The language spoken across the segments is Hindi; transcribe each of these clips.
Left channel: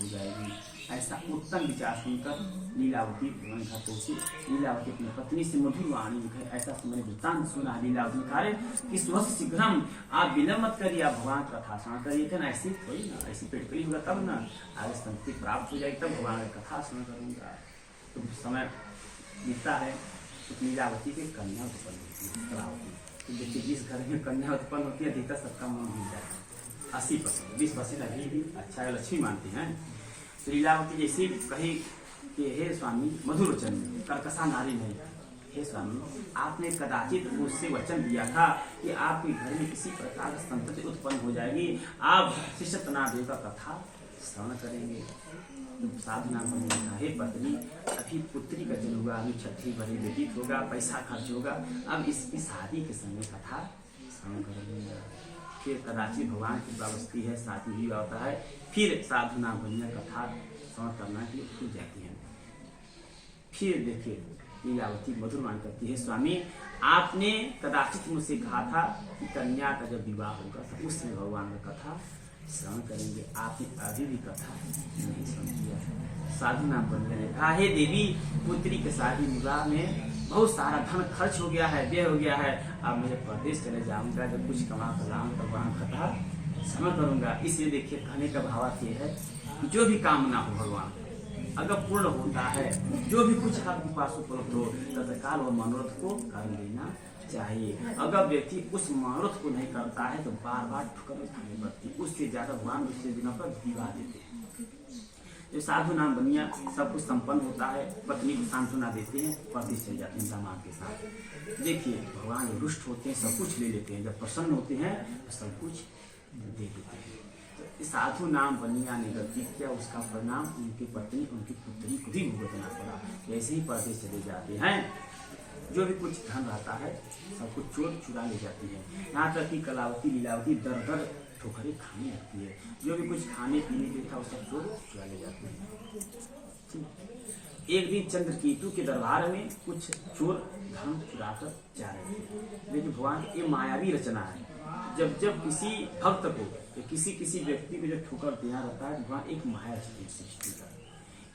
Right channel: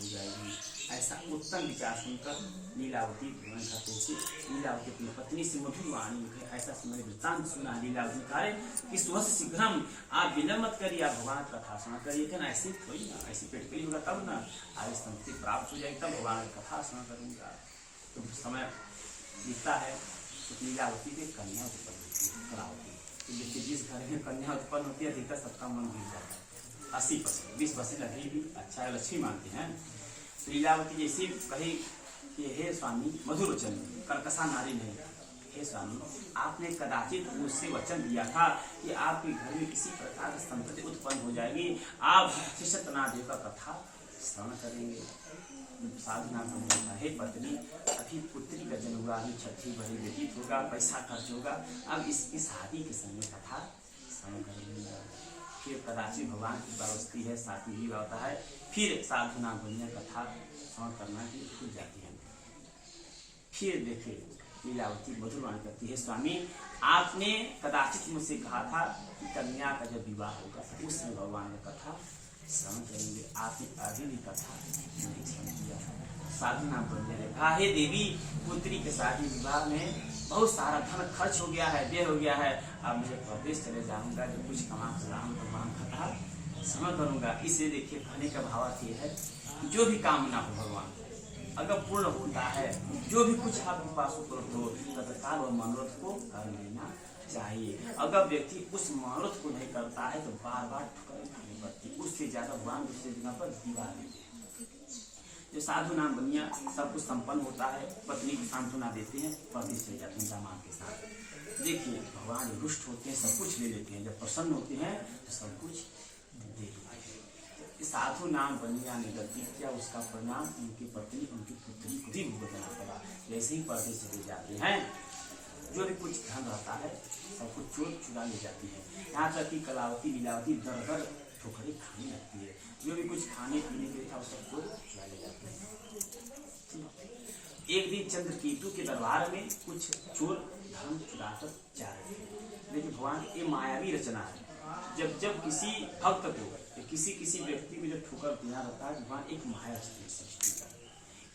हो जाएगी। ऐसा उत्तम विचार सुनकर लीलावती घर पहुंची। लीलावती अपनी पत्नी से मधुर वाणी में कहे, ऐसा मैंने वृत्तांत सुना। लीलावती ने कहा कि स्वस्य शीघ्रम, आप विलंब मत करिए, आप भगवान कथा श्रवण करिए। थे ना ऐसी थोड़ी ना, ऐसी पेटकली होगा तब ना आगे संतति प्राप्त हो जाएगी, तब भगवान की कथा श्रवण करूंगा। तो समय बीतता है तो लीलावती की कन्या उत्पन्न होती है, कलावती। तो देखिए जिस घर में कन्या उत्पन्न होती है अधिकतर सबका मन गिर जाता है। 80%, 20% अभी भी अच्छा है, लक्ष्मी मानते हैं। तो लीलावती जैसे कही कि हे स्वामी, मधुर वचन, कर्कशा नारी नहीं, हे स्वामी आपने कदाचित मुझसे वचन दिया था कि आपके घर में किसी प्रकार की संतति उत्पन्न हो जाएगी, आप शिष्यतनादेव का कथा श्रवण करेंगे। साधु नाम होगा, हे पत्नी अभी पुत्री का जन्म हुआ, अभी छठी भरी व्यतीत होगा, पैसा खर्च होगा, अब इसकी शादी के समय कथा श्रवण करेंगे। फिर कदाचित भगवान की बस्ती है, शादी भी होता है, फिर साधु नाम भजन कथा श्रवण करना के लिए भूल जाती है। फिर देखिए लीलावती मधुर वाणी करती है, स्वामी आपने कदाचित मुझसे कहा था कि कन्या का जब विवाह होगा तो उस समय भगवान का कथा श्रवण करेंगे, आपने अभी भी कथा नहीं श्रवण किया। साधु नाम भजन ने कहा, हे देवी पुत्री के शादी विवाह में बहुत सारा धन खर्च हो गया है, व्यय हो गया है, अब मैं प्रदेश चले जाऊंगा, जब कुछ कमा कर लाऊंगा तो भगवान कथा श्रवण करूंगा। इसलिए देखिए कहने का भावार्थ ये है, जो भी कामना हो भगवान अगर पूर्ण होता है, जो भी कुछ आपके पास उपलब्ध हो तत्काल वह मनोरथ को कर लेना चाहिए। अगर व्यक्ति उस मनोरथ को नहीं करता है तो बार बार ठुकरें खानी पड़ती, उससे ज्यादा भगवान दूसरे जगह पर विवाह देते हैं। जो साधु नाम बनिया सब कुछ संपन्न होता है, पत्नी को सांत्वना देते हैं, पति चले जाते हैं दामाद के साथ। देखिए भगवान रुष्ट होते हैं, सब कुछ ले लेते हैं, जब प्रसन्न होते हैं तो सब कुछ दे देते हैं। साधु नाम बनिया ने गलती किया, उसका परिणाम उनकी पत्नी उनकी पुत्री को भी भुगतना पड़ा। जैसे ही परदेश चले जाते हैं, जो भी कुछ धन रहता है सब कुछ चोर चुरा ले जाती है। यहाँ तक कि कलावती लीलावती दर दर ठोकरें खाने लगती है, जो भी कुछ खाने पीने के था वो सब चोर चुरा ले जाते हैं। एक दिन चंद्रकेतु के दरबार में कुछ चोर धन चुरा कर जा रहे थे। लेकिन भगवान की ये मायावी रचना है, जब जब किसी भक्त को किसी व्यक्ति को जब ठोकर देना रहता है, भगवान एक माया सृष्टि का,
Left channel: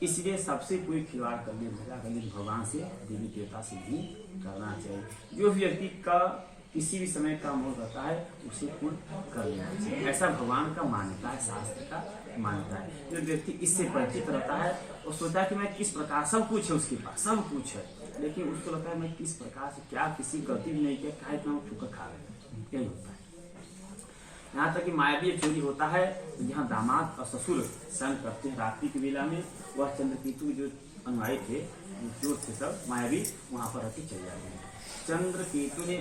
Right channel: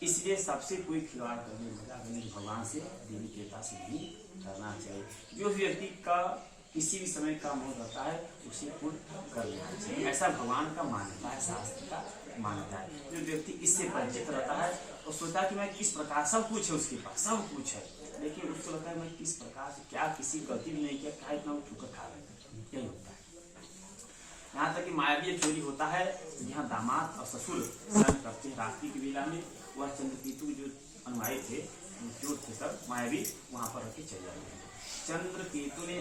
इसलिए सबसे कोई खिलवाड़ करने मजा करने भगवान से देवी देवता से नहीं करना चाहिए। जो व्यक्ति का किसी भी समय का मोह रहता है उसे पूर्ण कर लेना चाहिए, ऐसा भगवान का मान्यता है, शास्त्र का मान्यता है। जो व्यक्ति इससे परिचित रहता है वो सोचता है कि मैं किस प्रकार, सब कुछ है उसके पास, सब कुछ है, लेकिन उसको लगता है मैं किस प्रकार से क्या किसी गलती भी नहीं किया, क्या इतना ठोकर खा रहे, यही होता है। यहाँ तक कि मायावी चोरी होता है, यहाँ दामाद और ससुर स्नान करते हैं रात्रि की वेला में, वह चंद्रकेतु जो अनुयायी थे, जो थे सब मायावी, वहां पर रहते चले जाते हैं। चंद्रकेतु ने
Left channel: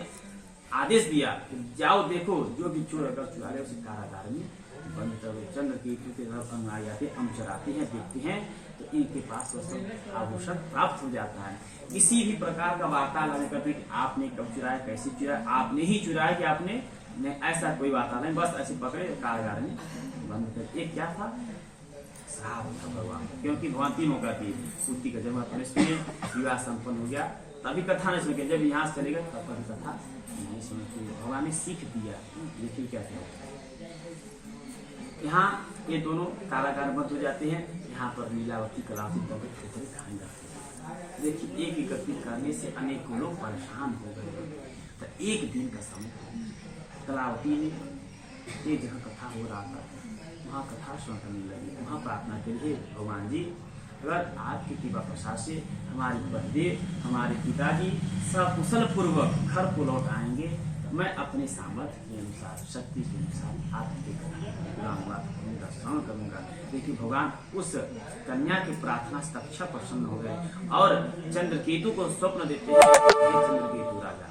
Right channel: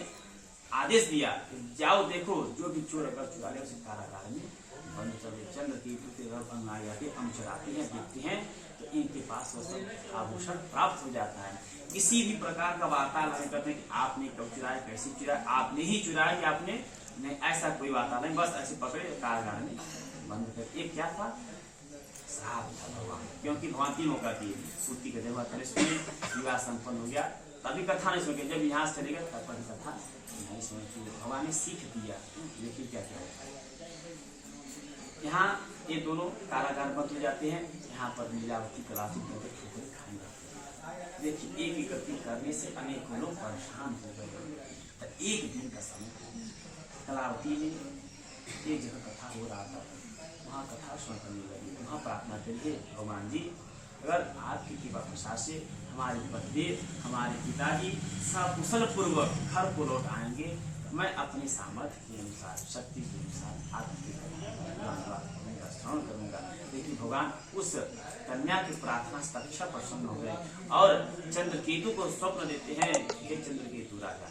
आदेश दिया जाओ देखो जो भी चोर अगर चुरा ले उसे कारागार में बंद करो। चंद्रकेतु के अनुयायी आते चराते हैं, देखते हैं तो इनके पास वह सब आभूषण प्राप्त हो जाता है। किसी भी प्रकार का वार्तालाप नहीं करते कि आपने कब चुराया, कैसे चुराया, आपने ही चुराया कि आपने नहीं, ऐसा कोई बात नहीं, बस ऐसे पकड़े कारागार में बंद कर। एक क्या था, श्राप था भगवान, क्योंकि भगवान तीनों का थी, पुत्री का जन्म था, इसमें विवाह संपन्न हो गया, तभी कथा नहीं सुन के, जब यहाँ से चलेगा तब पर कथा नहीं सुनती। भगवान ने सीख दिया, लेकिन क्या क्या यहाँ ये दोनों कारागार बंद हो जाते हैं। यहाँ पर लीलावती कलावती करके ठोकरें खाने लगते हैं। देखिए एक इकट्ठी करने से अनेकों लोग परेशान हो गए। तो एक दिन का समय कलावती ने एक जगह कथा हो रहा था, वहाँ कथा श्रवण करने लगी, वहाँ प्रार्थना के लिए भगवान जी अगर आपकी कृपा प्रसाद से हमारे पतिदेव हमारे पिताजी सकुशल पूर्वक घर को लौट आएंगे, मैं अपने सामर्थ्य के अनुसार शक्ति के अनुसार आपके कथा श्रवण करूंगा। देखिए भगवान उस कन्या की प्रार्थना से तत्क्षण प्रसन्न हो गए और चंद्रकेतु को स्वप्न देते हैं, चंद्रकेतु राजा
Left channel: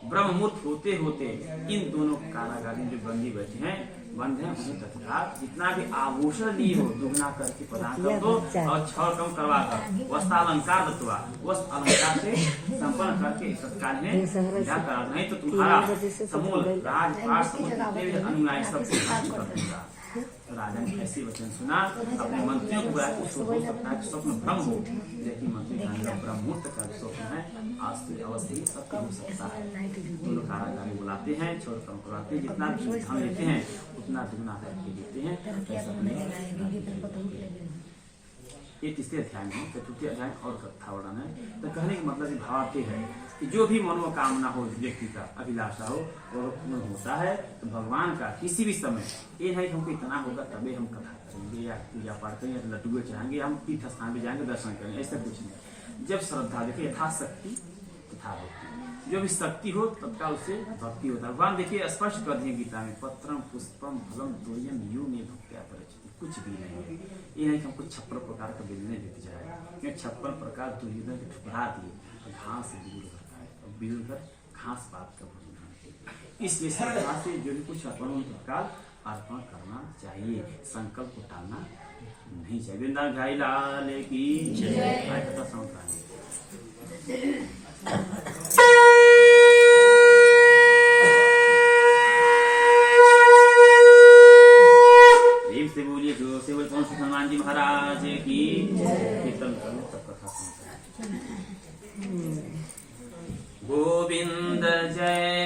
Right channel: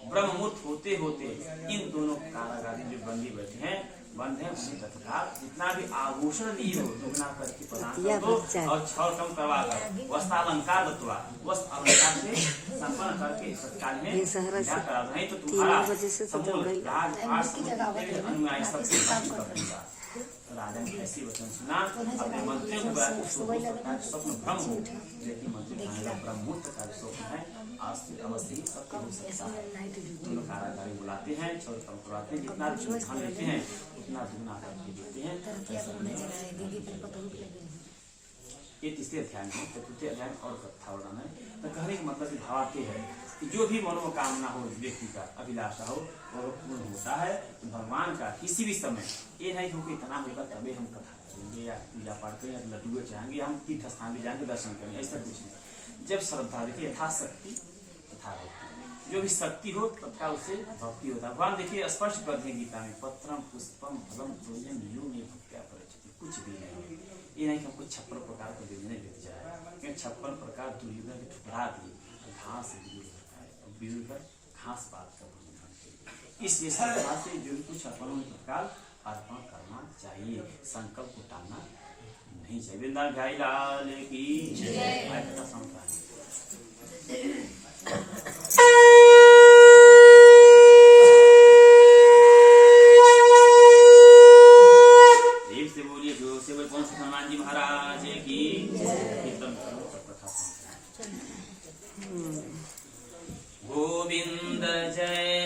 ब्रह्ममुहूर्त होते होते इन दोनों कारागारी जो बंदी बैठे हैं बंद है, उन्हें तत्काल जितना भी आभूषण लिए हो दुगना करके प्रदान कर दो और छल कम करवा कर वस्त्रालंकार दत्वा वस्त्र अलंकार से संपन्न करके तत्काल में विदा करा दो, नहीं तो तुम्हारा समूल राजपाट समूल अनुयायी सबसे नष्ट कर दूंगा। राजा ने ऐसी वचन सुना, अपने मंत्रियों को बुलाया, हो सकता है स्वप्न भ्रम हो, लेकिन मंत्री ब्रह्ममुहूर्त का स्वप्न है, आज से अवश्य ही सब हो सकता है। दोनों कारागारी बुलाते हैं, छोड़ कम करवाते हैं, जितना धन लेते हैं उतना दुगना करके देते हैं। ये तीसरे अध्याय में, चतुर्थी अध्याय और कथा वर्णन है। तो कहने का मतलब भावार्थ है कि जो भी मनोकामना हो, व्यक्ति का अभिलाषा हो और पूर्ण होता है तो भगवान का किसी भी समय ये नहीं हमको इतना होगा तभी हम कथा करेंगे या पूजा पाठ करेंगे, लड्डुए चढ़ाएंगे, हम तीर्थ स्थान पे जाएंगे दर्शन करेंगे, ऐसा कुछ नहीं। जब श्रद्धा, देखिए यथाशक्ति तथा भक्ति, जो भी शक्ति हो तत्काल उससे भक्ति होता है। भगवान देखिए स्पष्ट कर दिए गीता में, पत्रम पुष्पम फलम तोयम यो में भक्त्या परिचिति, कुछ भी नहीं है। ये नहीं कि हमको 56 प्रकार का व्यंजन बीत जाए, क्योंकि 56 प्रकार दुर्योधन के ठुकरा दिए, घास से विदुर करता है और विदुर कर घास पात का भोजन करते। इसलिए श्रद्धा से जो भी कुछ अर्पण तत्काल अर्पण करना चाहिए, संकल्प को टालना नहीं चाहिए। वृंदावन भाई लाल की जय। कथा समझ से बोलिए, जो से बोले पवन हनुमान जी महाराज की कीर्तन करें तब कथा समझ। गोविंद जय